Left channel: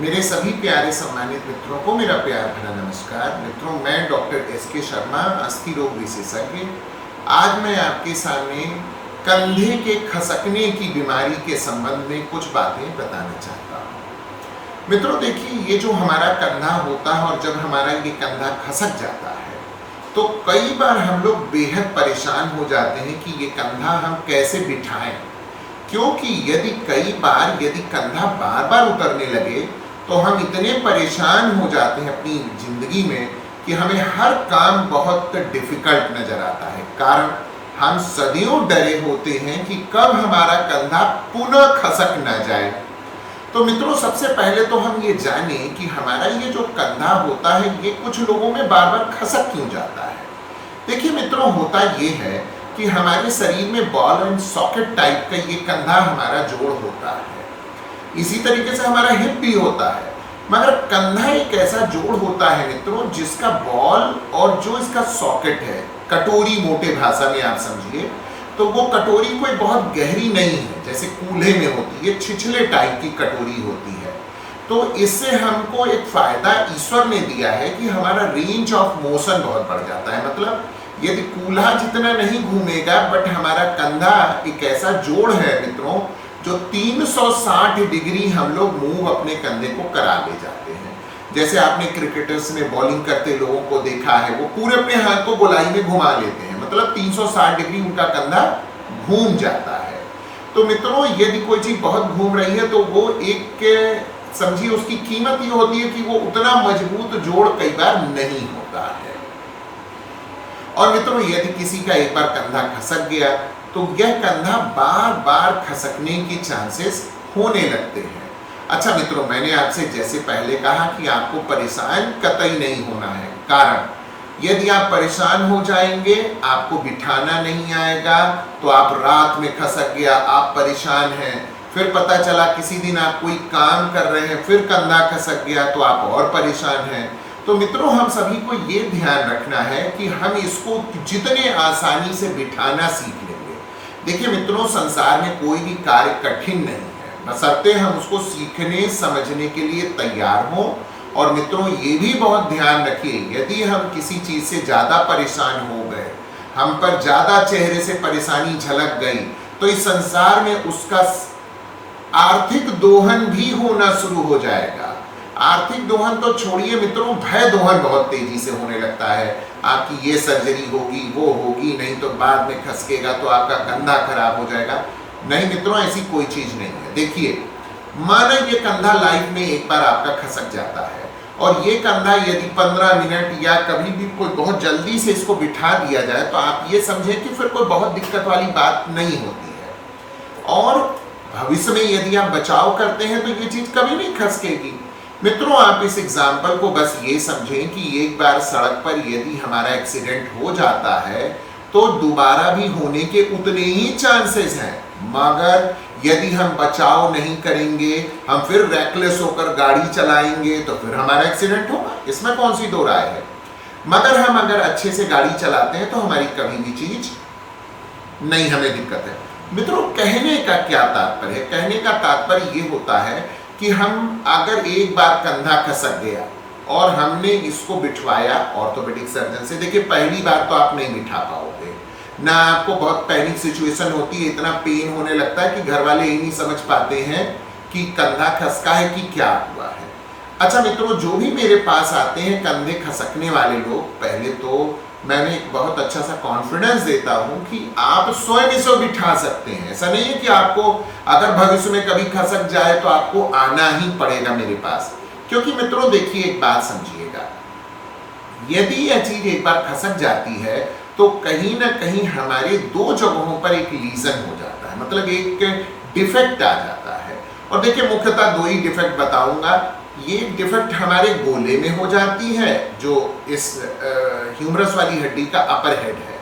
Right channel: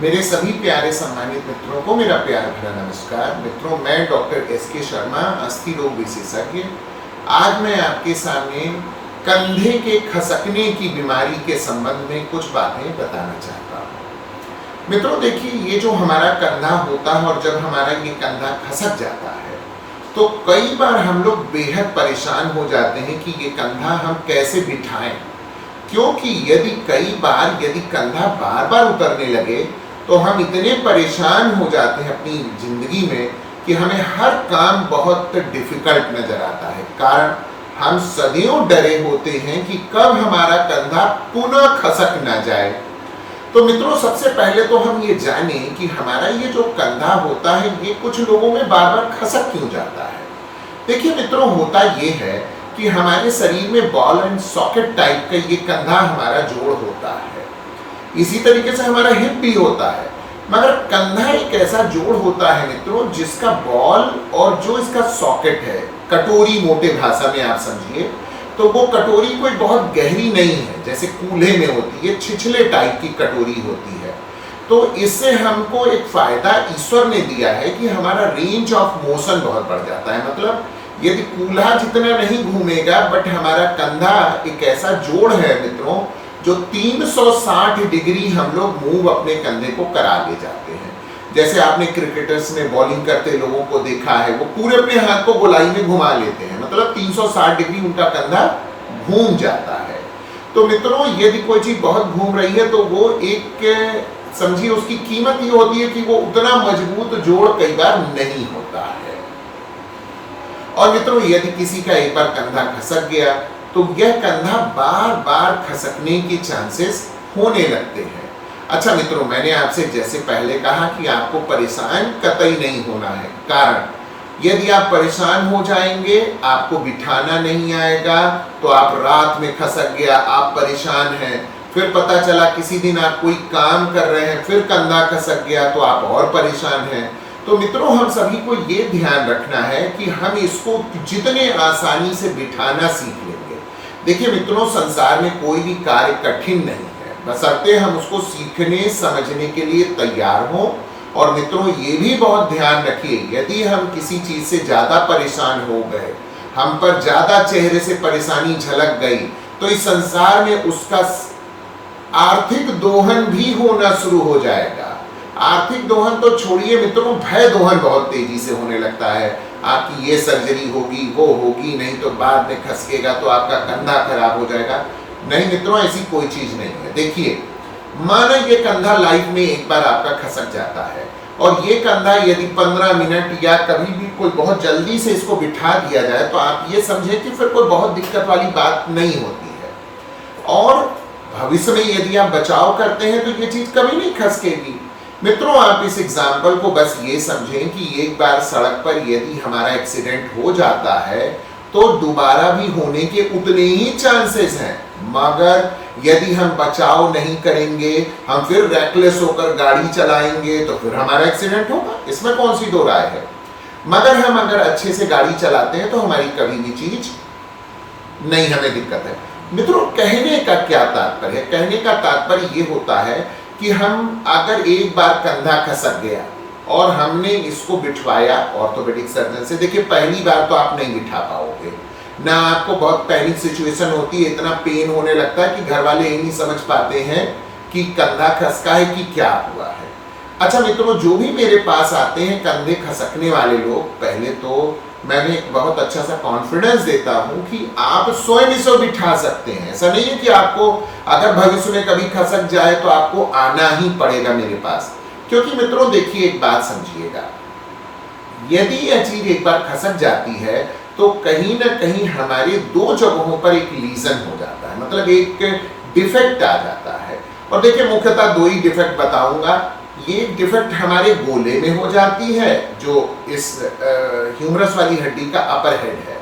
मेरे सभी प्यारे सम्मानित मित्रों को मेरा प्यार भरा नमस्कार। मित्रों, मैं डॉक्टर एस.के. शर्मा, अस्थि रोग विशेषज्ञ, आज मैं आपके सामने कंधे के खसकने की बीमारी के संबंध में कुछ बातें बताना चाहता हूँ। मित्रों देखिए, ये जो हमारा कंधा होता है और जब हमारा ये कंधा खसक जाता है तो कई बार हम लोग बेहद परेशान हो जाते हैं कि ये कंधा हम कैसे बिठाएं, क्योंकि यदि कंधा बार बार उतरने लगे तो हम इतने परेशान हो जाते हैं अपनी जिंदगी में कि हमें हर काम बहुत डिफिकल्ट नजर आता है। कारण हम सदियों डरे होते हैं कि कब हमारा कंधा पुनः खसक ना जाए। तो मित्रों, सबसे पहले तो हम ये जाने कि हमारा ये जो कंधा होता है ये कुछ लोगों में बार बार खसक क्यों जाता है। देखिए मित्रों, होता ये है कि हमारे शरीर में बॉल एंड सॉकेट टाइप का ये कंधा हमारा जोड़ होता है। इसी तरीके से हमारा हिप भी होता है, मगर कंधा एक ऐसा जोड़ होता है मित्रों जिसका बॉल और जो इसका सॉकेट है, कटोरी मोटे भाषा में आप समझिए, तो वो कटोरी कोई बहुत गहरी नहीं है, जैसे कूल्हे में होती है, छिछले टाइप की कटोरी होती है। तो इससे हमको एक फायदा ईश्वर ने दिया है कि हमारा रेंज ऑफ मोशन बहुत बढ़ जाता है। मतलब यदि कूल्हा जितना नहीं घूमेगा, बट हमारा कंधा एक ऐसा जोड़ है मित्रों जो 360 डिग्री हम लोग मूव अपने कंधे को करा ले जाते हैं। जैसे आपने क्रिकेटर्स में बॉलिंग करते लोगों को देखा है, वो पूरे अपने हाथ को गोलाई में घुमा लेते हैं, मतलब 360 डिग्री उनका कंधा घूम जाता है। तो मित्रों, यदि कोई चीज बहुत घूम रही है तो वो एक समझिए उसकी कीमत ये होती है कि वो उतना मजबूत जोड़ कई बार नहीं होता है। और मित्रों, यदि किसी का एक बार कंधा खसक गया तो यह कंधा बार बार खसकने के चांसेस होने लगते हैं। अच्छा मित्रों, मैंने आपसे जैसे पहले कहा कि आपको परेशान कतई नहीं होना है। कारण यदि आप परेशान हो जाएंगे, आपको बिठाना नहीं आएगा, तो आप रात में खसक गया, आप परेशान हैं, फिर पता चला किसी दिन आप कोई काम कर रहे हैं, फिर कंधा खसक गया तो आप और परेशान हैं। तो मित्रों, हम सभी को ये ध्यान रखना है कि हम इसको जितने आसानी से बिठाना सीख लेंगे। देखिए मित्रों, संसार में कोई भी कार्य कठिन नहीं है, बशर्ते हम उसको सीखने समझने के लिए तैयार हों। और मित्रों, ये भी बहुत ध्यान रखिए, यदि हम किसी चीज से ज्यादा परेशान हो गए, हम पर ज्यादा चेहरे से परेशानी झलक गई, तो इस संसार में उसका आर्थिक दोहन भी होना शुरू हो जाएगा। आर्थिक दोहन तो छोड़िए मित्रों, भय दोहन बहुत तेजी से होने लगता है। आपकी ये सर्जरी होगी, वो होगी, नहीं तो बाद में खसकेगा तो आपका कंधा खराब हो जाएगा। नहीं मित्रों, ऐसी कोई चीज नहीं है। देखिए, माना ये कंधा लाइफ में एक बार आपका खसक जाता है और ये कंधा यदि 15 मिनट या कभी भी कोई बहुत जल्दी से इसको बिठा दिया जाए तो आप ये समझे कि फिर कोई बहुत दिक्कत वाली बात नहीं होती है। और भविष्य में यदि आप बचाव करते हैं तो ये चीज कभी नहीं खसकेगी। मित्रों, आप इस एग्जाम्पल को बस ये समझें कि एक बार सड़क पर यदि हमारा एक्सीडेंट हो जाता है तो दोबारा भी होने के उतने ही चांसेस हैं, मगर यदि हम बचाव नहीं करेंगे, हम फिर रेकलेस होकर गाड़ी चलाएंगे तो फिर हमारा एक्सीडेंट होगा। इसमें कौन सी दो राय है। मगर हम अगर अच्छे से गाड़ी चलाते हैं तो हमारी कभी भी चीज नहीं, हमें दिक्कत है। मित्रों, कहने का क्या तात्पर्य है? कहने का तात्पर्य ये होता है कि हम अगर एक बार कंधा खसक गया और हमने इसको बिठवाया ऑर्थोपेडिक सर्जन से, देखिए पहली बार तो आप नहीं बिठा पाओगे ना, आपको बहुत पैनिक सिचुएशन होती है, इतना पेन होने लगता है कि घर वाले ये नहीं समझ पाते हैं कि कंधा खसका है कि क्या हुआ है। अच्छा मित्रों, जो भी मेरे पास आते हैं कंधे खसकने वाले लोग, पहले तो मैंने एक बहुत अच्छा सा कॉन्फिडेंस देता हूं कि आप स्वयं इसे बिठा सकते हैं। ऐसा नहीं है कि आपको अगर भविष्य में कभी खसक जाए तो आपको आना ही पड़ेगा मेरे पास। क्योंकि मित्रों देखिए, एक बात समझिएगा, यदि यह चीज एक बार खसक जाती है तो कहीं ना कहीं हमारे दो जगहों पर एक लीजन हो जाता है, मतलब एक डिफेक्ट आ जाता है। और देखिए, मुख्यतः दो ही डिफेक्ट बताऊंगा। ये डिफेक्ट हमारे गोले में हो जाती है, जो इस ह्यूमरस वाली हड्डी का अपर हेड है,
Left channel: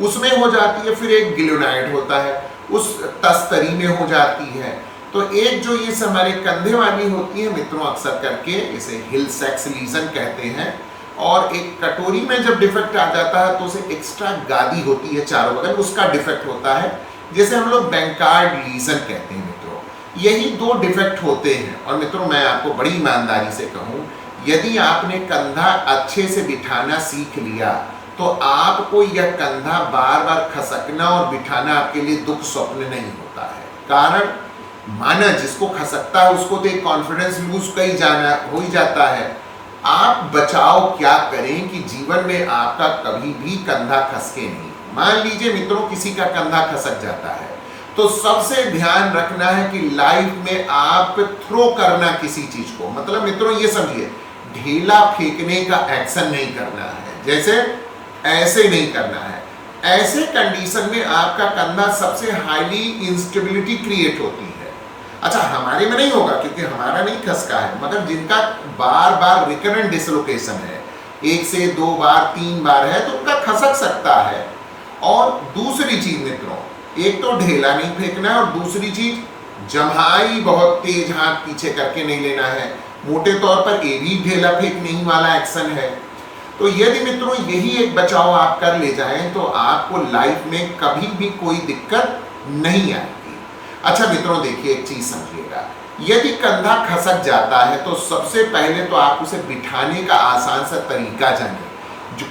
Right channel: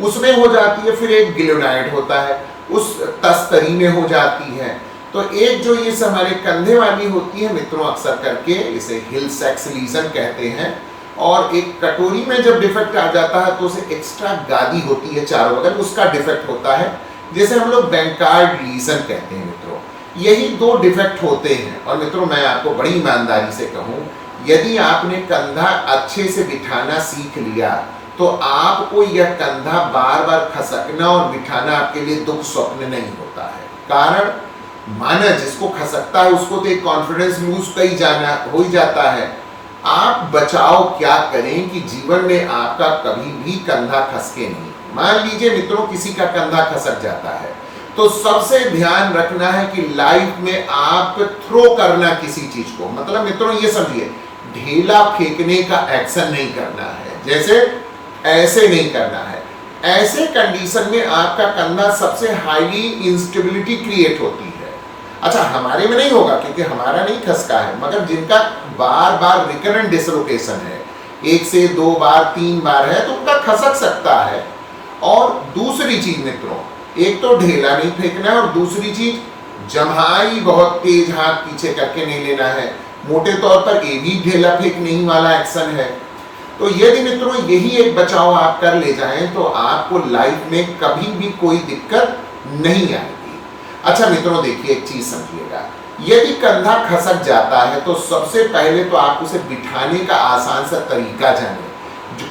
उसमें हो जाती है। फिर एक गिलोनाइड होता है, उस तस्तरी में हो जाती है। तो एक जो ये हमारे कंधे वाली होती है मित्रों, अक्सर करके इसे हिल सेक्स लीजन कहते हैं। और एक कटोरी में जब डिफेक्ट आ जाता है तो उसे एक्स्ट्रा गादी होती है चारों बगल, उसका डिफेक्ट होता है, जैसे हम लोग बैंकार्ड लीजन कहते हैं मित्रों। यही दो डिफेक्ट होते हैं। और मित्रों मैं आपको बड़ी ईमानदारी से कहूं, यदि आपने कंधा अच्छे से बिठाना सीख लिया तो आपको यह कंधा बार बार खसकना और बिठाना आपके लिए दुख स्वप्न नहीं होता है। कारण माना जिसको खसकता है उसको तो एक कॉन्फिडेंस लूज हो ही जाता है। आप बचाव क्या करें कि जीवन में आपका कभी भी कंधा खसके नहीं। मान लीजिए मित्रों किसी का कंधा खसक जाता है तो सबसे ध्यान रखना है कि लाइफ में आप थ्रो करना किसी चीज को, मतलब मित्रों ये समझिए ढेला फेंकने का एक्शन नहीं करना है, जैसे ऐसे नहीं करना है। ऐसे कंडीशन में आपका कंधा सबसे हाईली इंस्टेबिलिटी क्रिएट होती है। अच्छा हमारे में नहीं होगा क्योंकि हमारा नहीं खसका है, मगर जिनका बार बार रिकरेंट डिसलोकेशन है, 1 से 2 बार 3 बार है तो उनका खसक सकता है। और दूसरी चीज मित्रों, एक तो ढेला नहीं फेंकना है और दूसरी चीज जम्हाई बहुत तेज हाथ पीछे करके नहीं लेना है। मोटे तौर पर ये भी ढेला फेंकने ही वाला एक्शन है। तो यदि मित्रों यही एक बचाव आप कर ले जाएं तो आपको लाइफ में कभी भी कोई दिक्कत नहीं आएगी। अच्छा मित्रों देखिए एक चीज समझिएगा, यदि कंधा खसक जाता है तो सबसे पहले तो आप उसे बिठाने का आसान सा तरीका जानें।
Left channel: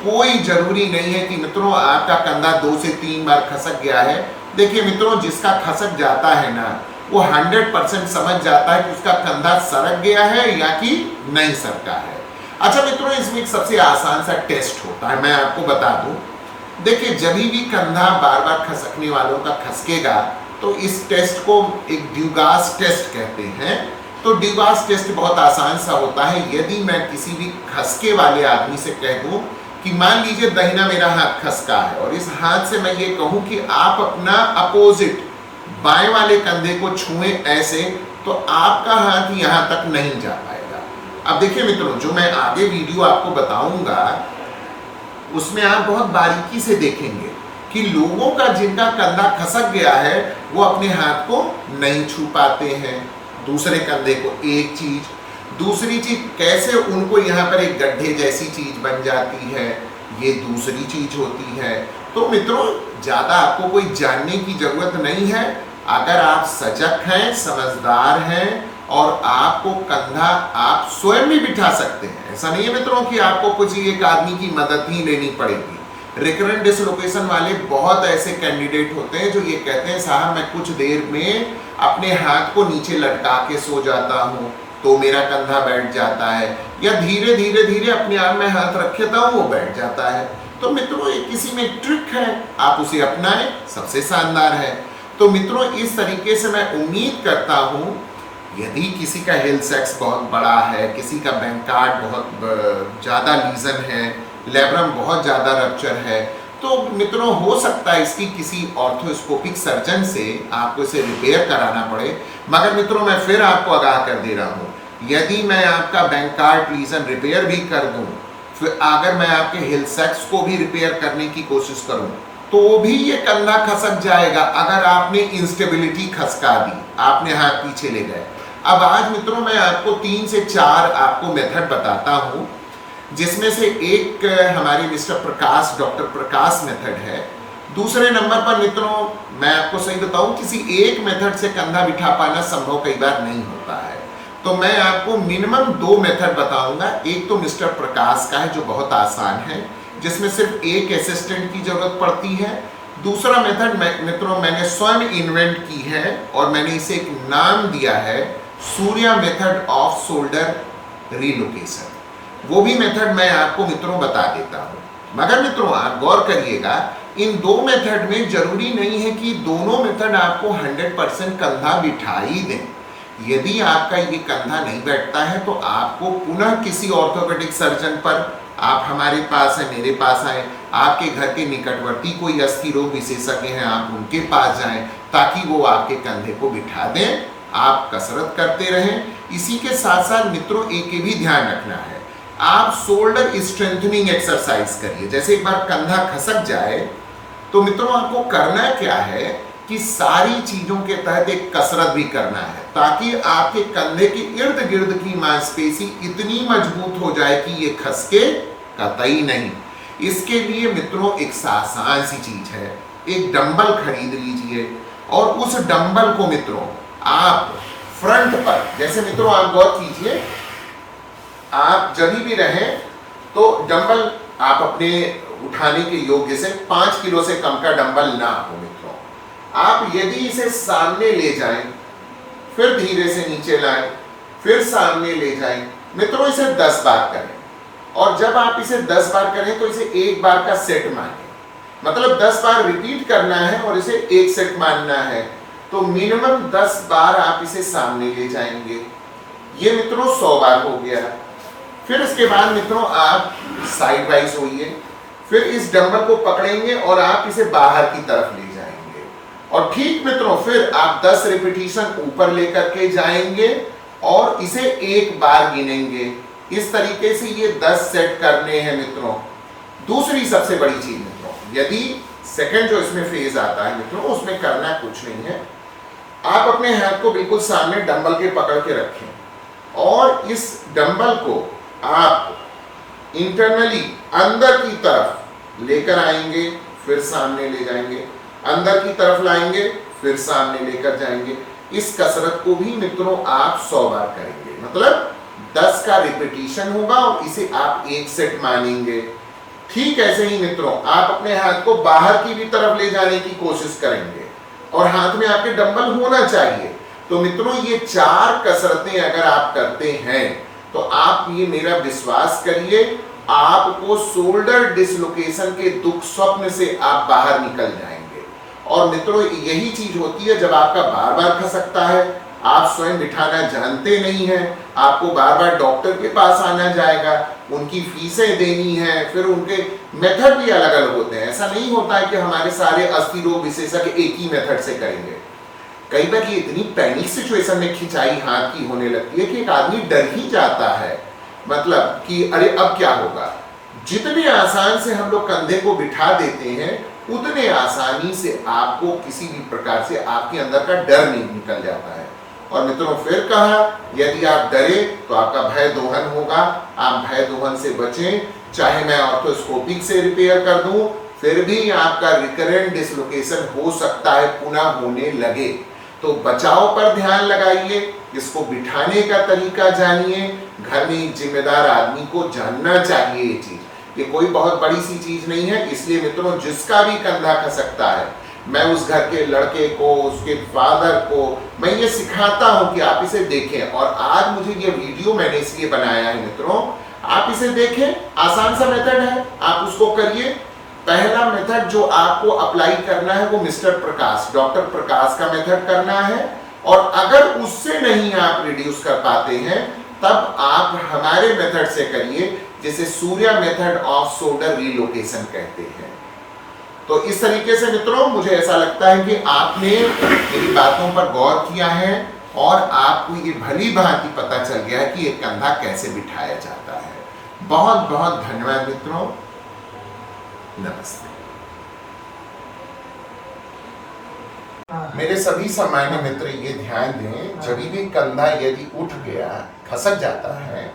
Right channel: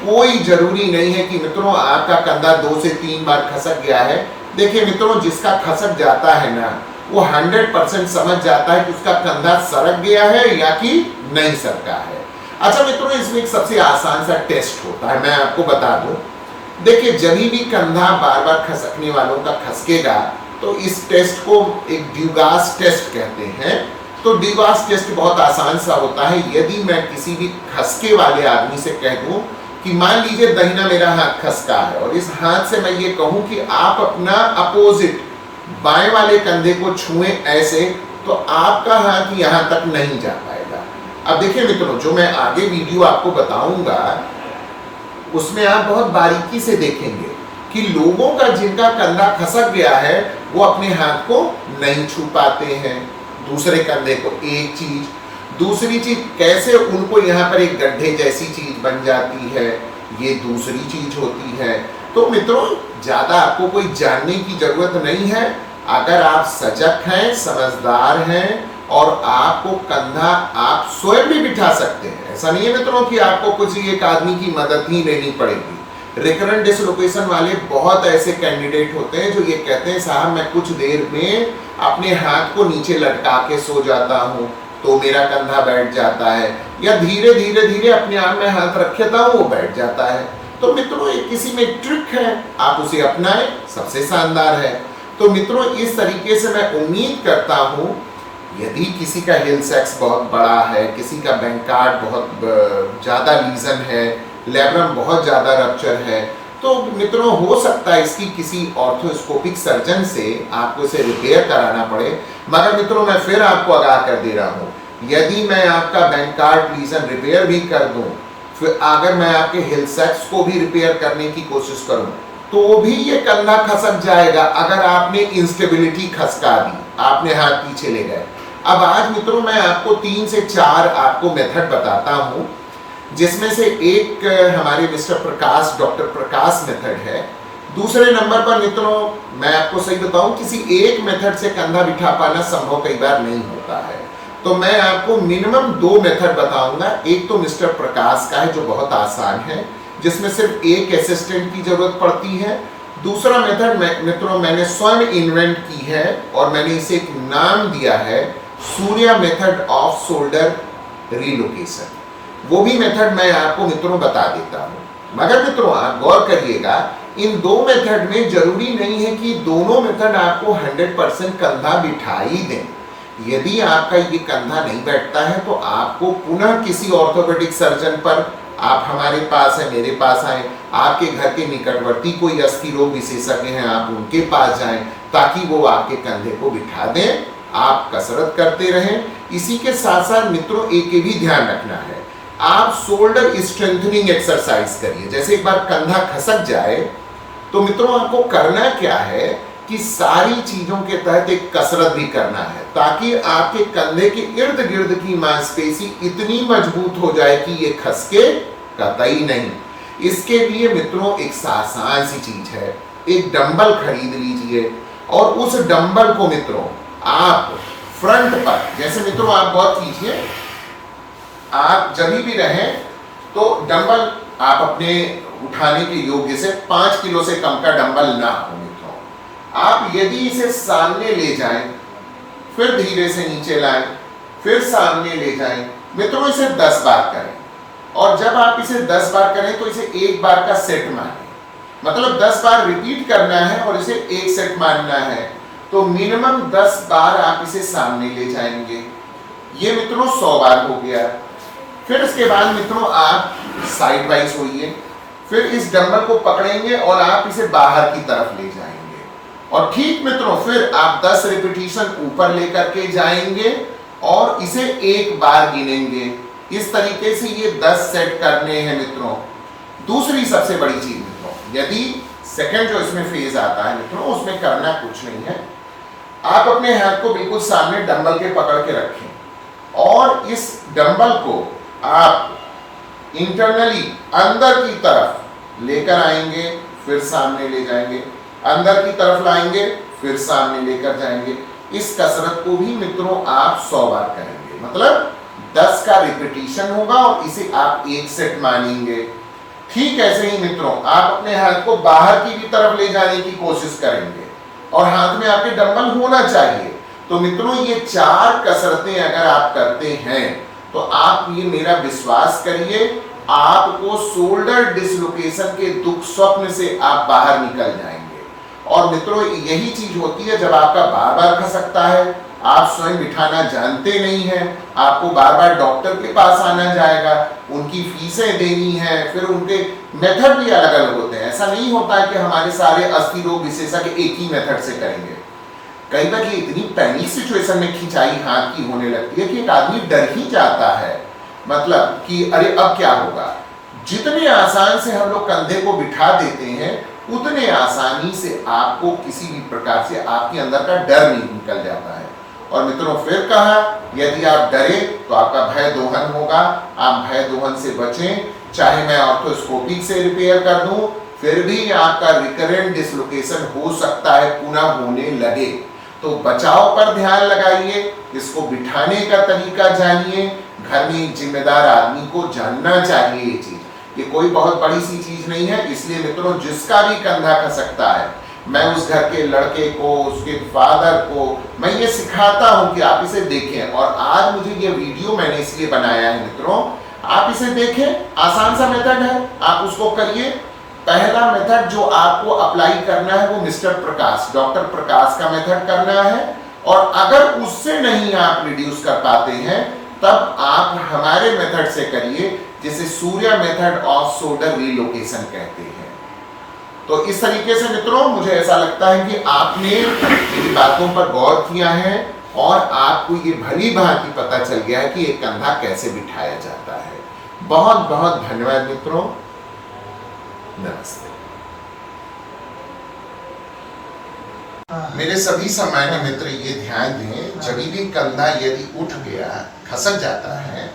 कोई जरूरी नहीं है कि मित्रों आपका कंधा 2 से 3 बार खसक गया है। देखिए मित्रों जिसका खसक जाता है ना वो 100% समझ जाता है कि उसका कंधा सरक गया है या कि नहीं सरका है। अच्छा मित्रों इसमें एक सबसे आसान सा टेस्ट होता है, मैं आपको बता दूं। देखिए जब भी कंधा बार बार खसकने वालों का खसकेगा तो इस टेस्ट को एक ड्यूगास टेस्ट कहते हैं। तो ड्यूगास टेस्ट बहुत आसान सा होता है। यदि मैं किसी भी खसके वाले आदमी से कह दूं कि मान लीजिए दाहिना मेरा हाथ खसका है और इस हाथ से मैं ये कहूं कि आप अपना अपोजिट बाएं वाले कंधे को छुएं ऐसे, तो आपका हाथ यहां तक नहीं जा पाएगा। अब देखिए मित्रों जो मैं आगे वीडियो आपको बताऊंगा उसमें आप बहुत बारीकी से देखेंगे कि लोगों का जिनका कंधा खसक गया है वो अपने हाथ को नहीं छू पाते हैं दूसरे कंधे को। एक चीज, दूसरी चीज कैसे उनको यहाँ पर एक गड्ढे जैसी चीज बन जाती है, ये दूसरी चीज होती है। तो मित्रों ज्यादा आपको कोई जानने की जरूरत नहीं है। अगर आप सजग हैं, समझदार हैं और आपको कंधा आप स्वयं भी बिठा सकते हैं, ऐसा नहीं है मित्रों कि आपको कुछ एक आदमी की मदद ही लेनी पड़ेगी। रिकरेंट डिसलोकेशन वाले बहुत ऐसे कैंडिडेट होते हैं जो ये कहते हैं साहब मैं कुछ देर में अपने हाथ को नीचे लटका के सो जाता हूँ तो मेरा कंधा बैठ जाता है, या धीरे धीरे अपने आप में हाथ रखता हूँ वो बैठ जाता है। तो मित्रों ये किसी में एक ट्रिक है, आप उसे अपनाएं, सबसे शानदार है। तो मित्रों इस तरीके से मैं उम्मीद करता हूँ यदि किसी का हेल्थ सेक्स बहुत बड़ा है, किसी का बैंकार्ड बहुत ज़्यादा लीजन है, लेब्रम बहुत ज़्यादा रप्चर है, तो मित्रों हो सकता है इसकी किसी ऑर्थोस्कोपिक सर्जन से आपको इसे रिपेयर कराना पड़े। मगर मित्रों मैं फिर आपको आगाह कर दे रहा हूँ, यदि मैं आपका बैंकार्ड लीजन रिपेयर भी कर दूं, फिर अगर मैं आपके हेल्थ सेक्स को भी रिपेयर करने की कोशिश करूं तो भी ये कंधा खसक जाएगा अगर आपने इंस्टेबिलिटी खसका दी, आपने हाथ पीछे ले गए। अब आज मित्रों मैं आपको 3 से 4 आपको मेथड बताता हूँ, जिसमें से एक हमारे मिस्टर प्रकाश, डॉक्टर प्रकाश मेथड है। दूसरे नंबर पर मित्रों मैं आपको सही बताऊं किसी एक मेथड से कंधा बिठा पाना संभव कई बार नहीं होता है, तो मैं आपको मिनिमम 2 मेथड बताऊंगा। एक तो मिस्टर प्रकाश का है जो बहुत आसान है, जिसमें सिर्फ एक असिस्टेंट की जरूरत पड़ती है। दूसरा मेथड मित्रों मैंने स्वयं इन्वेंट की है और मैंने इसे एक नाम दिया है Surya method off shoulder relocation. वो भी मेथड मैं आपको मित्रों बता देता हूँ। मगर मित्रों आप गौर करिएगा इन 2 मेथड में जरूरी नहीं है कि दोनों मेथड आपको 100% कंधा बिठा ही दें। यदि आपका ये कंधा नहीं बैठता है तो आपको पुनः किसी ऑर्थोपेडिक सर्जन पर, आप हमारे पास है, मेरे पास आए, आपके घर के निकटवर्ती कोई अस्थि रोग विशेषज्ञ हैं आप उनके पास जाएं ताकि वो आपके कंधे को बिठा दें। आप कसरत करते रहें। इसी के साथ साथ मित्रों एक भी ध्यान रखना है, आप शोल्डर स्ट्रेंथनिंग एक्सरसाइज करिए। जैसे एक बार कंधा खसक जाए तो मित्रों आपको करना क्या है कि सारी चीजों के तहत एक कसरत भी करना है ताकि आपके कंधे के इर्द गिर्द की मांसपेशी इतनी मजबूत हो जाए कि ये खसके कतई नहीं। इसके लिए मित्रों एक आसान सी चीज है, एक डंबल खरीद लीजिए और उस डंबल को मित्रों आप फ्रंट पर। जैसे मित्रों आप गौर कीजिए, आप जब भी रहें तो डंबल आप अपने उठाने के योग्य से 5 किलो से कम का डंबल ना हो मित्रों। आप यदि इसे सामने ले जाएं, फिर धीरे से नीचे लाएं, फिर सामने ले जाएं, मित्रों इसे 10 बार करें। और जब आप इसे 10 बार करें तो इसे एक बार का सेट मानें, मतलब 10 बार रिपीट करना है और इसे एक सेट मानना है। तो मिनिमम 10 बार आप इसे सामने ले जाएंगे। ये मित्रों 100 बार हो गया। फिर इसके बाद मित्रों आप साइड वाइज होइए, फिर इस डंबल को पकड़ेंगे और आप इसे बाहर की तरफ ले जाएंगे। और ठीक मित्रों फिर आप 10 रिपीटिशन ऊपर लेकर के जाएंगे और इसे एक बार गिनेंगे। इस तरीके से ये 10 सेट करने हैं मित्रों। दूसरी सबसे बड़ी चीज मित्रों, यदि सेकंड जो इसमें फेज आता है मित्रों, उसमें करना कुछ नहीं है। आप अपने हाथ को बिल्कुल सामने डंबल के पकड़ के रखें और इस डंबल को आप इंटरनली अंदर की तरफ लेकर आएंगे, फिर सामने ले जाएंगे, अंदर की तरफ लाएंगे, फिर सामने लेकर जाएंगे। इस कसरत को भी मित्रों आप 100 बार करेंगे, मतलब 10 का रिपीटिशन होगा और इसे आप एक सेट मानेंगे। ठीक ऐसे ही मित्रों आप अपने हाथ को बाहर की भी तरफ ले जाने की कोशिश करेंगे और हाथ में आपके डंबल होना चाहिए। तो मित्रों ये 4 कसरतें अगर आप करते हैं तो आप ये मेरा विश्वास करिए, आपको शोल्डर डिसलोकेशन के दुख स्वप्न से आप बाहर निकल जाएंगे। और मित्रों यही चीज होती है जब आपका बार बार खसकता है, आप स्वयं बिठाना जानते नहीं हैं, आपको बार बार डॉक्टर के पास आना जाएगा, उनकी फीसें देनी है, फिर उनके मेथड भी अलग अलग होते हैं। ऐसा नहीं होता है कि हमारे सारे अस्थि रोग विशेषज्ञ एक ही मेथड से करेंगे। कई बार ये इतनी पैनिक सिचुएशन में खिंचाई हाथ की होने लगती है कि एक आदमी डर ही जाता है, मतलब कि अरे अब क्या होगा। जितने आसान से हम लोग कंधे को बिठा देते हैं उतने आसानी से आपको किसी भी प्रकार से आपके अंदर का डर नहीं निकल जाता है। और मित्रों फिर कहा, यदि आप डरे तो आपका भय दोहन होगा, आप भय दोहन से बचें। चाहे मैं ऑर्थोस्कोपिक से रिपेयर कर दूं, फिर भी आपका रिकरेंट डिसलोकेशन हो सकता है, पुनः होने लगे। तो बचाव पर ध्यान लगाइए, इसको बिठाने का तरीका जानिए। घर में एक जिम्मेदार आदमी को जानना चाहिए ये चीज, ये कोई बहुत बड़ी सी चीज नहीं है। इसलिए मित्रों जिसका भी कंधा खसकता है, मैं उस घर के लड़के को, उसके फादर को मैं ये सिखाता हूं कि आप इसे देखें। और आज मुझे ये वीडियो मैंने इसलिए बनाया है मित्रों, आप इसे देखें, आसान सा मेथड है, आप उसको करिए। पहला मेथड जो आपको अप्लाई करना है वो मिस्टर प्रकाश, डॉक्टर प्रकाश का मेथड करना है। और अगर उससे नहीं आप रिड्यूस कर पाते हैं तब आप हमारे मेथड से करिए, जिसे Surya method off shoulder relocation कहते हैं। तो इस तरीके से मित्रों मुझे ऐसा लगता है कि आपने मेरी बातों पर गौर किया है और आपको ये भली भांति पता चल गया है कि एक कंधा कैसे बिठाया जाता है। बहुत बहुत धन्यवाद मित्रों, नमस्ते। मेरे सभी सम्मान्य मित्र ये ध्यान दें, जब भी कंधा यदि उठ गया, खसक जाता है,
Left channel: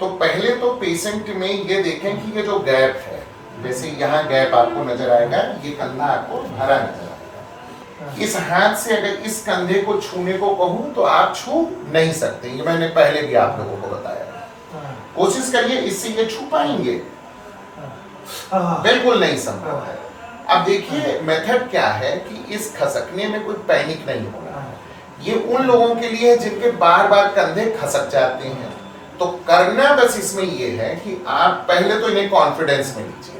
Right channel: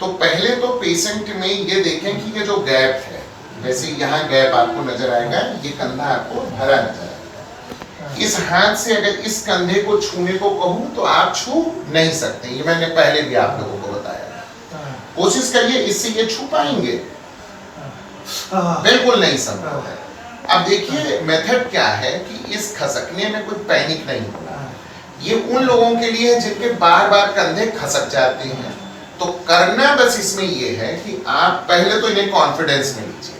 तो पहले तो पेशेंट में ये देखें कि ये जो गैप है, जैसे यहाँ गैप आपको नजर आएगा, ये कंधा आपको भरा नजर आएगा। इस हाथ से अगर इस कंधे को छूने को कहूँ तो आप छू नहीं सकते, ये मैंने पहले भी आप लोगों को बताया। कोशिश करिए, इससे ये छू पाएंगे? बिल्कुल नहीं संभव है। अब देखिए मेथड क्या है कि इस खसकने में कोई पैनिक नहीं होना है। ये उन लोगों के लिए है जिनके बार बार कंधे खसक जाते हैं। तो करना बस इसमें ये है कि आप पहले तो इन्हें कॉन्फिडेंस में लीजिए।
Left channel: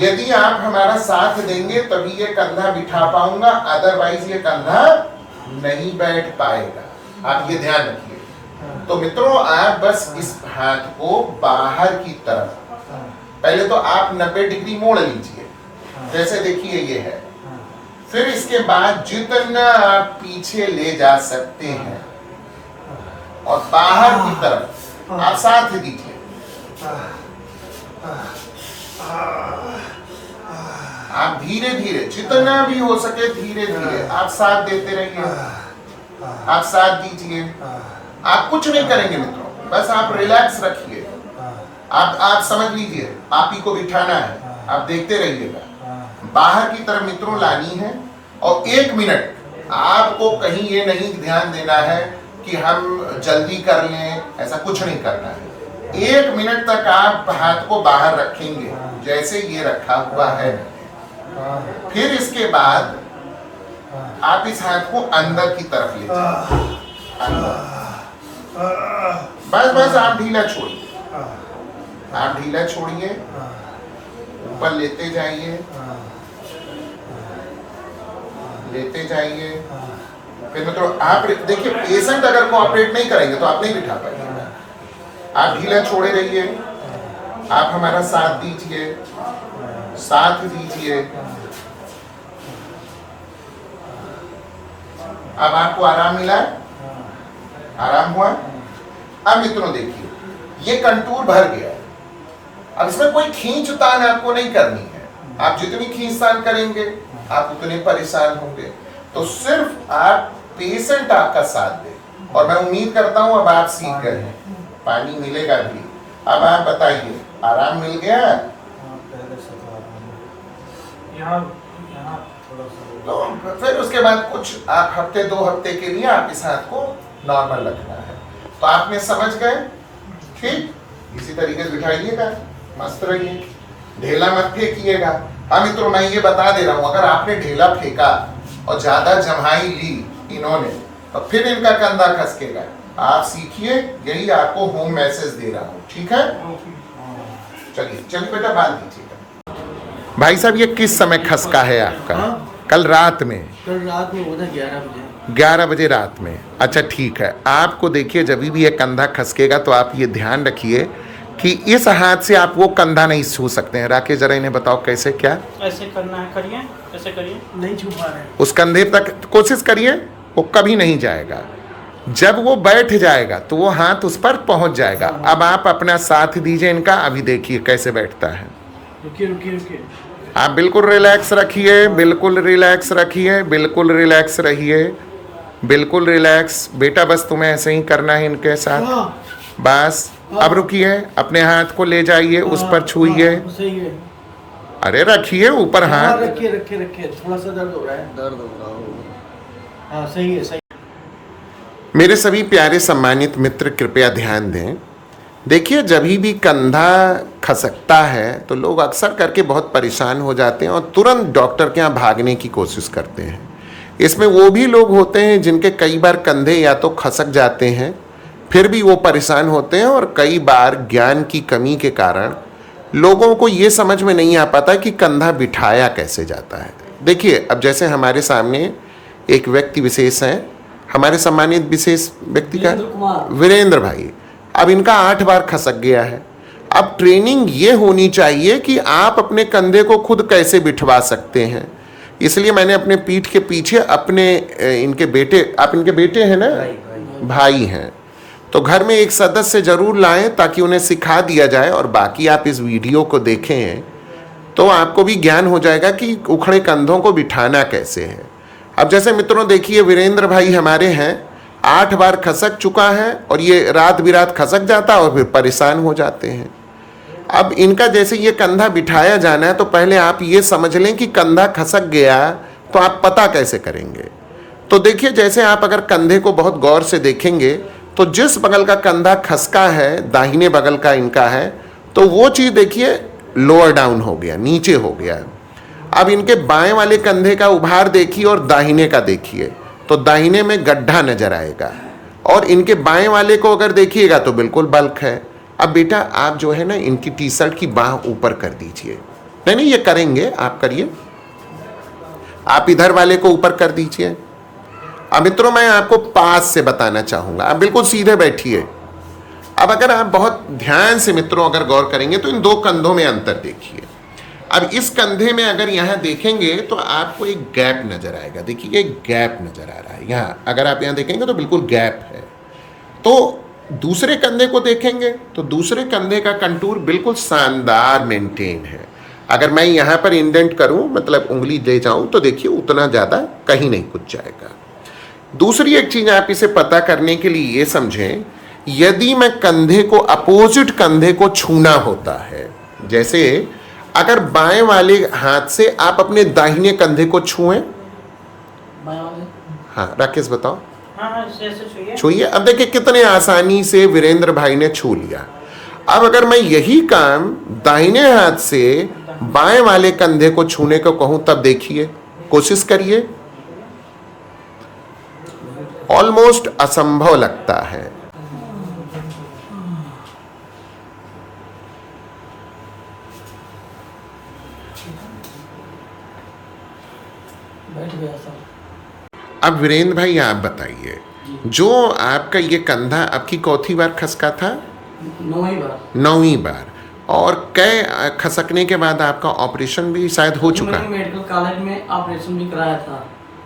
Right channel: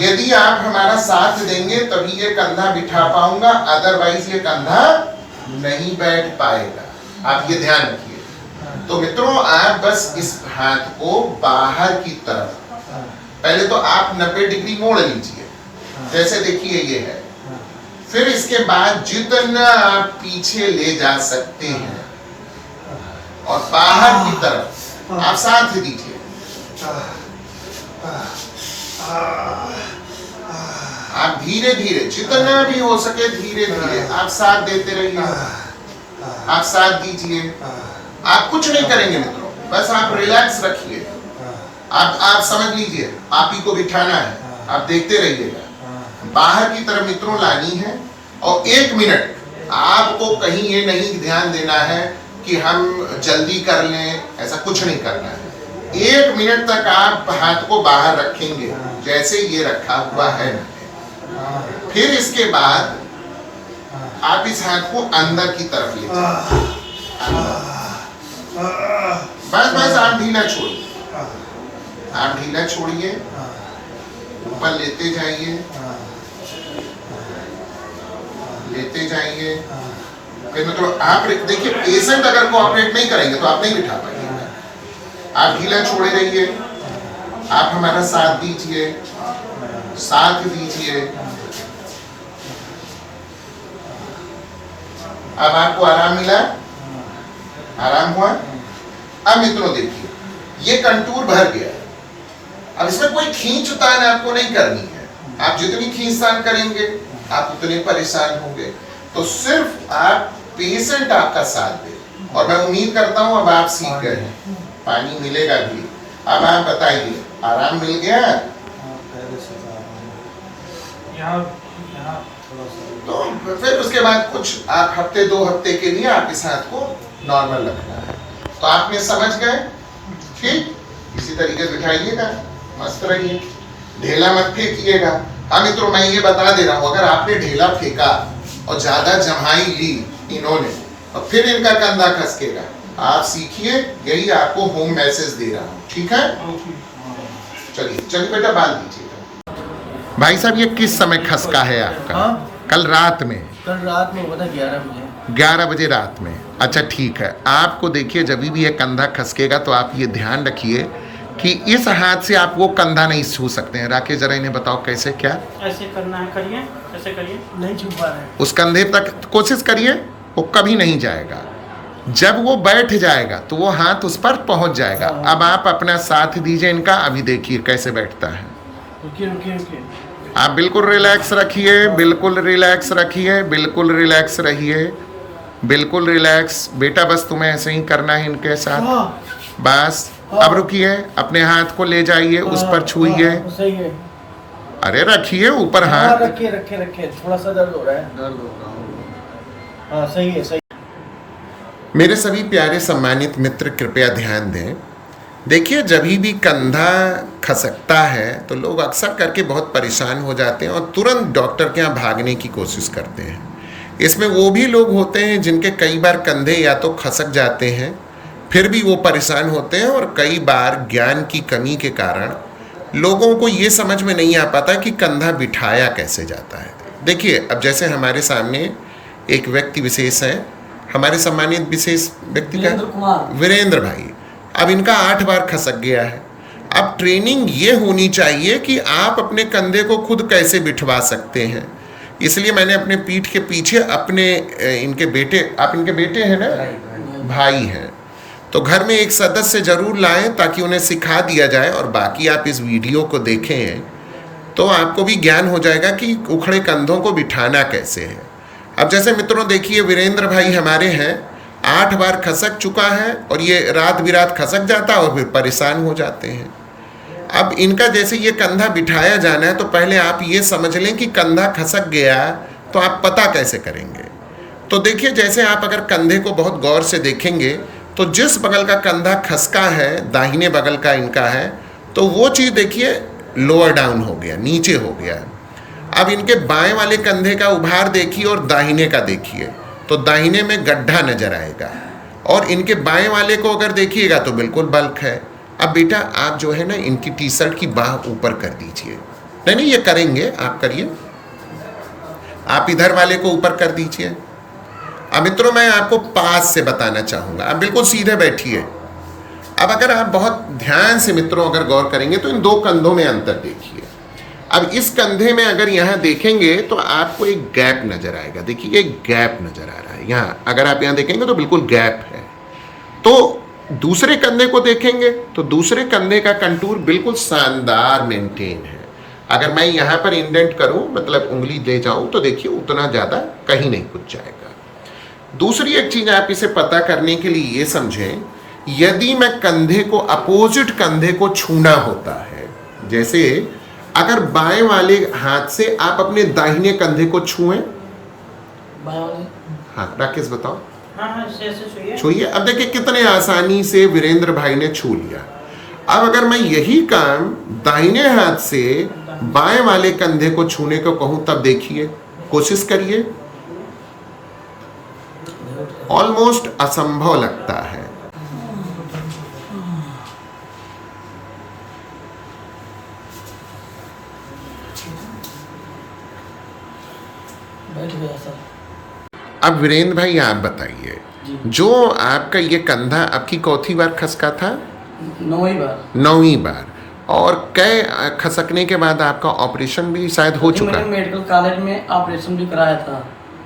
यदि आप हमारा साथ देंगे तभी ये कंधा बिठा पाऊंगा, अदरवाइज ये कंधा नहीं बैठ पाएगा। आप ये ध्यान रखिए। तो मित्रों आप बस इस हाथ को बाहर की तरफ, पहले तो आप 90 डिग्री मोड़ लीजिए, जैसे देखिए ये है। फिर इसके बाद जितना आप पीछे ले जा सकते हैं और बाहर की तरफ आप साथ दीजिए। आप धीरे धीरे, जितना भी हो सके धीरे धीरे आप साथ देते रहिए, आप साथ दीजिए। आप कुछ नहीं करेंगे मित्रों, बस आप रिलैक्स रखिए। आप समझ लीजिए आप ही को बिठाना है, आप देखते रहिएगा। बाहर की तरफ मित्रों लानी है और 1 मिनट आपको कहीं ये नहीं ध्यान देना है कि हम जल्दी कर लें, ऐसा कुछ नहीं करना है। 1 मिनट तक आप हाथ को बाहर रखेंगे जैसे ये रखा हुआ है। फिर इसके बाद आप इस हाथ को अंदर की तरफ ले जाइए, बस बस आप ढीला छोड़िए, आप ढीला छोड़िए, ऊपर लेते जाइए, लेते जाइए। फिर मतलब आप देखिए, पेशेंट अगर कोऑपरेट नहीं करेंगे तो आप नहीं बिठा पाएंगे। आप ढीला छोड़े रहिए, आप हमारा साथ दीजिए, साथ दीजिए। अब आपको आराम मिला, आराम हुआ। अब मित्रों देखिए, ये कंटूर भर गया। अब इसमें कोई खींचतान आपको नहीं करनी है। आप जितनी खींचतान करेंगे आप उतने परेशान होंगे। तो सिर्फ आप पेशेंट आपका साथ दे, और मैं उम्मीद करता हूं अब आप सीख गए हैं, पानी मिलेगा भी। अब आप बताइए, आराम मिल गया? तो फिर उसके बाद कुछ आप हफ्ते 2 हफ्ते के लिए आप इस हाथ को नॉर्मल रखना है। तो आपने समझ गए? ठीक, इसी तरीके से बिठाइएगा, मस्त रहिए, ढेला मत फेंकिएगा। हाँ मित्रों, मैं ये बता दे रहा हूं, अगर आपने ढेला फेंका और ज्यादा जमाई ली इन्होंने, और फिर इनका कंधा खसकेगा। आप सीखिए, यही आपको होम मैसेज दे रहा हूं, ठीक है? चलिए चलिए बेटा, बाल दीजिएगा। भाई साहब, ये किस समय खसका है आपका? हाँ? कल रात में? कल रात में हुआ था 11 बजे। 11 बजे रात में? अच्छा ठीक है। आपको देखिए, जब भी ये कंधा खसकेगा तो आप ये ध्यान रखिए कि इस हाथ से आप वो कंधा नहीं छू सकते हैं। राकेश, जरा इन्हें बताओ कैसे, क्या ऐसे करना है, करिए, ऐसे करिए। नहीं छू पा रहे। उस कंधे तक कोशिश करिए, वो कभी नहीं जाएगा। जब वो बैठ जाएगा तो वो हाथ उस पर पहुंच जाएगा। अब आप अपना साथ दीजिए इनका, अभी देखिए कैसे बैठता है। रुकिए रुकिए रुकिए, आप बिल्कुल रिलैक्स रखिए, बिल्कुल रिलैक्स रखिए, बिल्कुल रिलैक्स रहिए, बिल्कुल रिलैक्स। बेटा बस तुम्हें ऐसे ही करना है इनके साथ, बस। अब रुकिए, अपने हाथ को ले जाइए, उस पर छूइए। सही है। अरे रखिए ऊपर हाथ, रखिए रखिए रखिए, थोड़ा सा दर्द हो रहा है। दर्द हो रहा है। हाँ सही है, सही। मेरे सभी प्यारे सम्मानित मित्र कृपया ध्यान दें। देखिए, जब भी कंधा खसकता है तो लोग अक्सर करके बहुत परेशान हो जाते हैं और तुरंत डॉक्टर के यहाँ भागने की कोशिश करते हैं। इसमें वो भी लोग होते हैं जिनके कई बार कंधे या तो खसक जाते हैं, फिर भी वो परेशान होते हैं, और कई बार ज्ञान की कमी के कारण लोगों को ये समझ में नहीं आ पाता कि कंधा बिठाया कैसे जाता है। देखिए, अब जैसे हमारे सामने एक व्यक्ति विशेष हैं, हमारे सम्मानित विशेष व्यक्ति का वीरेंद्र भाई। अब इनका 8 बार खसक गया है। अब ट्रेनिंग ये होनी चाहिए कि आप अपने कंधे को खुद कैसे बिठवा सकते हैं। इसलिए मैंने अपने पीठ के पीछे अपने इनके बेटे, आप इनके बेटे हैं ना, भाई हैं, तो घर में एक सदस्य जरूर लाएं ताकि उन्हें सिखा दिया जाए। और बाकी आप इस वीडियो को देखें तो आपको भी ज्ञान हो जाएगा कि उखड़े कंधों को बिठाना कैसे है। अब जैसे मित्रों देखिए, वीरेंद्र भाई हमारे हैं, 8 बार खसक चुका है, और ये रात बिरात खसक जाता है और फिर परेशान हो जाते हैं। अब इनका जैसे ये कंधा बिठाया जाना है, तो पहले आप ये समझ लें कि कंधा खसक गया तो आप पता कैसे करेंगे। तो देखिए, जैसे आप अगर कंधे को बहुत गौर से देखेंगे तो जिस बगल का कंधा खसका है, दाहिने बगल का इनका है, तो वो चीज़ देखिए लोअर डाउन हो गया, नीचे हो गया। अब इनके बाएं वाले कंधे का उभार देखिए और दाहिने का देखिए, तो दाहिने में गड्ढा नजर आएगा, और इनके बाएं वाले को अगर देखिएगा तो बिल्कुल बल्क है। अब बेटा आप जो है ना, इनकी टी शर्ट की बाह ऊपर कर दीजिए। नहीं नहीं, ये करेंगे, आप करिए। आप इधर वाले को ऊपर कर दीजिए। अब मित्रों, मैं आपको पास से बताना चाहूंगा, आप बिल्कुल सीधे बैठिए। अब अगर आप बहुत ध्यान से मित्रों अगर गौर करेंगे तो इन 2 कंधों में अंतर देखिए। अब इस कंधे में अगर यहाँ देखेंगे तो आपको एक गैप नजर आएगा। देखिए, एक गैप नजर आ रहा है यहाँ, अगर आप यहाँ देखेंगे तो बिल्कुल गैप है। तो दूसरे कंधे को देखेंगे तो दूसरे कंधे का कंटूर बिल्कुल शानदार मेंटेन है। अगर मैं यहाँ पर इंडेंट करूँ, मतलब उंगली ले जाऊँ, तो देखिए उतना ज़्यादा कहीं नहीं कुछ जाएगा। दूसरी एक चीज़ आप इसे पता करने के लिए ये समझें, यदि मैं कंधे को, अपोजिट कंधे को छूना होता है, जैसे अगर बाएं वाले हाथ से आप अपने दाहिने कंधे को छुएं, बाएं वाले, हाँ राकेश बताओ। हाँ हाँ, ऐसे छुइए। छूइए। अब देखिए कितने आसानी से वीरेंद्र भाई ने छू लिया। अब अगर मैं यही काम दाहिने हाथ से बाएं वाले कंधे को छूने को कहूं, तब देखिए, कोशिश करिए, ऑलमोस्ट असंभव लगता है। बैठ गया सर। अब वीरेंद्र भाई आप बताइए, जो आपका ये कंधा आपकी चौथी बार खसका था? 9वीं बार। 9वीं बार। और कई खसकने के बाद आपका ऑपरेशन भी शायद हो चुका मैंने है। मेडिकल कॉलेज में ऑपरेशन भी कराया था।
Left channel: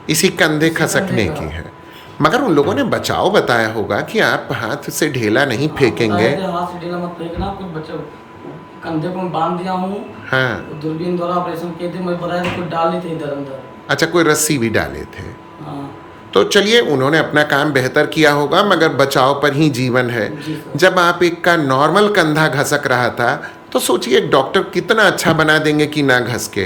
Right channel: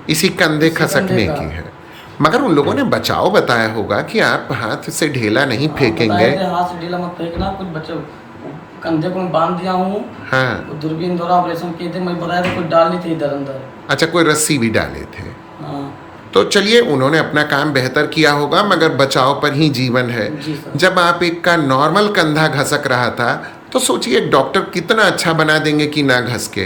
इसी कंधे इसी खसकने कंधे का। की है। मगर उन लोगों ने बचाव बताया होगा कि आप हाथ से ढेला नहीं फेंकेंगे। बताए थे, हाथ से ढीला मत फेंकना, कुछ बच्चों कंधे को मैं बांध दिया हूँ। हाँ। दूरबीन द्वारा ऑपरेशन किए थे, मैं बताया था कुछ डाल ली थी इधर अंदर। अच्छा, कोई रस्सी भी डाले थे? हाँ तो चलिए, उन्होंने अपना काम बेहतर किया होगा, मगर बचाव पर ही जीवन है। जी सर। जब आप एक का नॉर्मल कंधा घसक रहा था, तो सोचिए एक डॉक्टर कितना अच्छा बना देंगे कि ना घसके।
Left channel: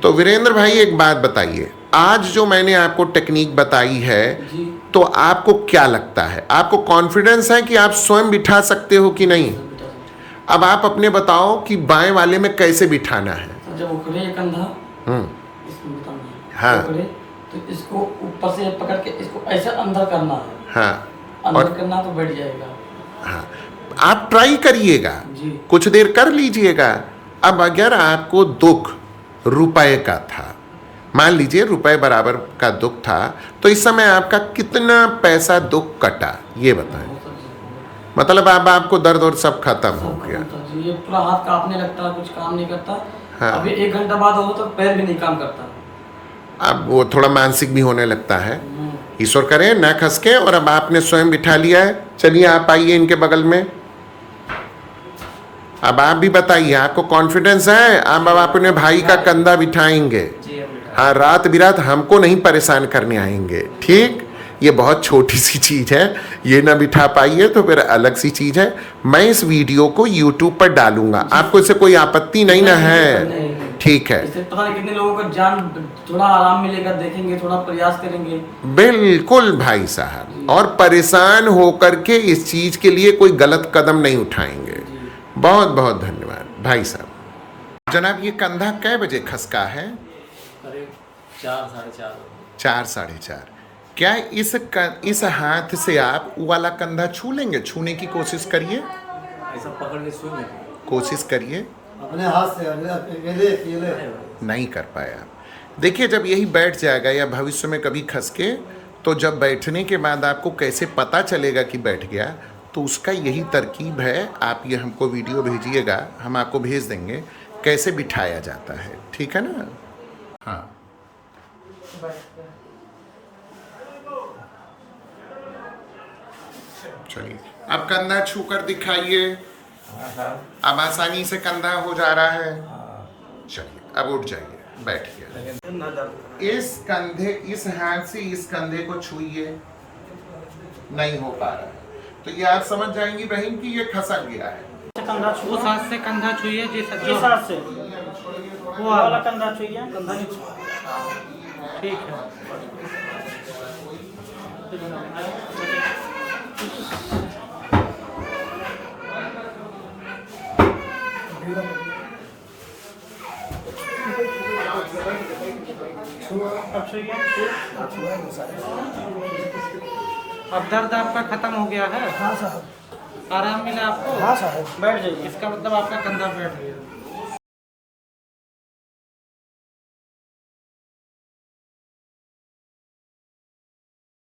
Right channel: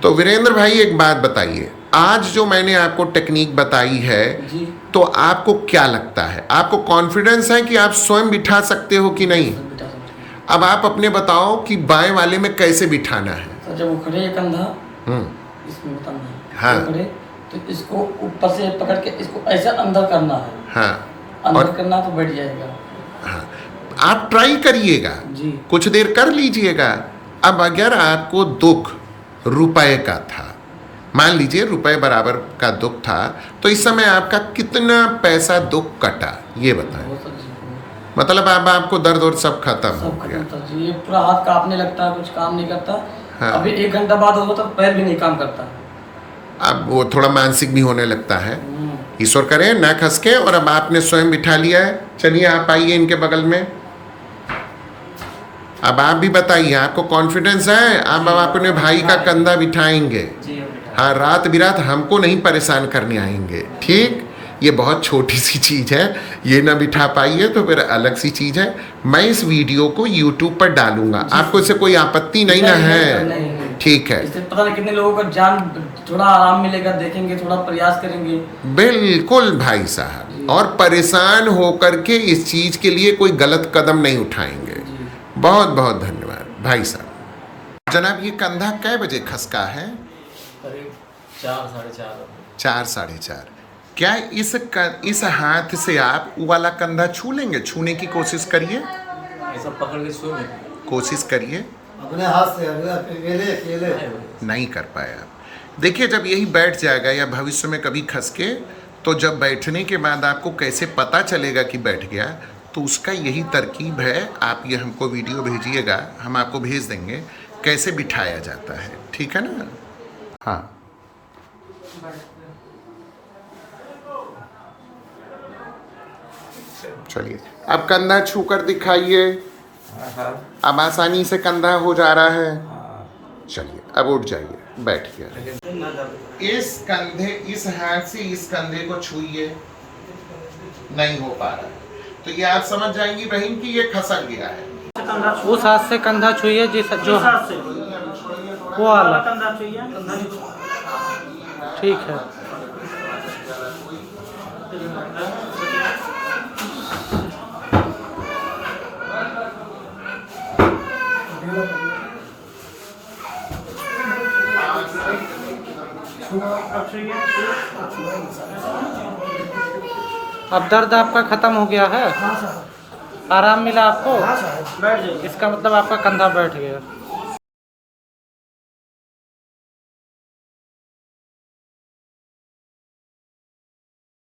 तो वीरेंद्र भाई एक बात बताइए, आज जो मैंने आपको टेक्निक बताई है, जी तो आपको क्या लगता है? आपको कॉन्फिडेंस है कि आप स्वयं बिठा सकते हो कि नहीं? सर, बिठा सकते अब आप अपने बताओ कि बाएं वाले में कैसे बिठाना है। हैं। सर जब उखड़े ये कंधा, हम्म। इसमें बताना है। हाँ। उखड़े तो इसको ऊपर से पकड़ के इसको ऐसे अंदर करना है। हाँ। अंदर और करना तो बैठ जाएगा। हाँ, आप ट्राई करिएगा, जी कुछ देर कर लीजिएगा। अब अगर आपको दुख रुपए का था, मान लीजिए रुपए बराबर का दुख था, तो इस समय आपका कितना पैसा दुख कटा, ये बताएं। वो सर जी, मतलब अब आपको दर्द और सब खत्म हो सब गया। खत्म सर जी। ये पूरा हाथ कांपने लगता है, कुछ काम नहीं करता। हाँ। अभी 1 घंटा बाद हो तो पैर भी नहीं काम करता। अब वो थोड़ा मानसिक भी होने लगता है। हम्म। ईश्वर करे ना खसके। और अब आपने स्वयं बिठा लिया है। चलिए आप आइए इनके बगल में। अब आप भी बताइए, आपको कॉन्फिडेंस है? अब अपने भाई का कंधा बिठाएंगे। जी बेटा। हाँ, रात बिरात हमको नहीं परेशान करने आएंगे, ठीक? ये बहुत छोटी सी चीज़ है, ये ना बिठा पाइए तो फिर अलग सी चीज़ है। मैं इस वीडियो को YouTube पर डालूंगा, आपको इससे कोई आपत्ति नहीं ना है? नहीं। ठीक है, इससे पता नहीं कितने लोगों का जान थोड़ा आराम मिलेगा, देखेंगे, थोड़ा प्रयास करेंगे। बिल्कुल भाई साहब। और परेशान होकर के इस चीज़ के लिए कोई गलत कदम नहीं उठाएंगे। बहुत बहुत धन्यवाद भाई साहब। जनाब, ये कंधा कै बजे खसका है? करीब 4 साढ़े 4। 4 साढ़े 4। क्या इस हाथ से आप वो वाला कंधा छू लेंगे? छूने की कोशिश करिए, ऐसा पकड़ के छू कोशिश करिए। अपने हाथ से अकेले नहीं कर पाए आप। देखिए, जब यही बैठ जाएगा या भविष्य में कभी खसके, तो जब बैठने के बाद आपको कैसे पता चलेगा कि बैठ गया, तो उसका यही तरकीब है। आप ये हमको वीडियो भेजिएगा, हम आपको भेज देंगे कैसे बिठाया जाता है, ठीक है ना? हाँ, चलिए अब कंधा छू कर दिखाइए। अब आसानी से कंधा हो जा रहा है। चलिए अब उठ जाइए, बैठिए। इस कंधे, इस हाथ से इस कंधे को छूइए, नहीं हो पा रहा, तो ये आप समझ जाएंगी बहन कि ये खसक गया है। उस हाथ से कंधा छुइए जिस जो हाथ से वो वाला कंधा छुइए। ठीक है। अब दर्द आपका खत्म हो गया है? हाँ साहब। आराम मिला आपको? हाँ साहब। बैठ जाइए। इसका मतलब आपका कंधा बैठ गया।